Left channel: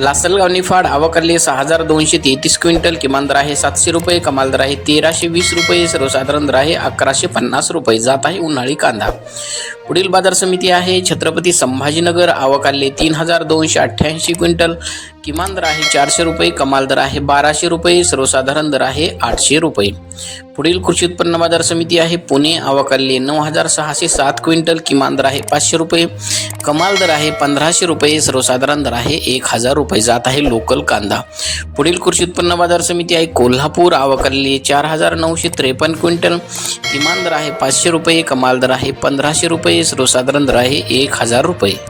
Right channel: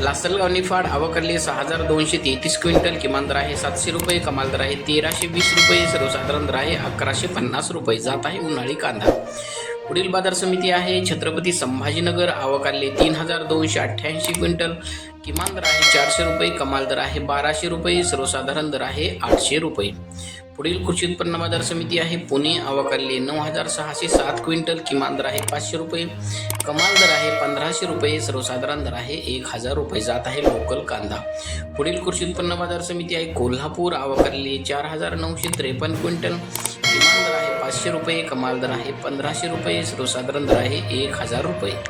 लासलगाव निफाड आवकरले सहा हजार दोनशे तेहतीस क्विंटल किमान दर आहे. सातशे रुपये कमाल दर आहे. तेराशे वीस रुपये सर्वसाधारण दर आहे. अकराशे पन्नास रुपये जात आहे उन्हाळी कांदा. पुढील बाजार समिती आहे. छत्रपती संभाजीनगर आवकाले तीन हजार दोनशे अठ्ठ्याऐंशी क्विंटल. किमान दर आहे चारशे रुपये कमाल दर आहे बाराशे रुपये सर्वसाधारण दर आहे आठशे रुपये. पुढील कृषी उत्पन्न बाजार समिती आहे. पुणे आवकाले नऊ हजार सहाशे सात क्विंटल किमान दर आहे पाचशे रुपये. कमाल दर आहे पंधराशे रुपये सर्वसाधारण दर आहे एक हजार रुपये. जात आहे लोकल कांदा. पुढील कृषी उत्पन्न बाजार समिती आहे कोल्हापूर आवकाले चार हजार नऊशे त्रेपन्न क्विंटल. किमान दर आहे पाचशे रुपये कमाल दर आहे पंधराशे रुपये. सर्वसाधारण दर आहे एक हजार रुपये.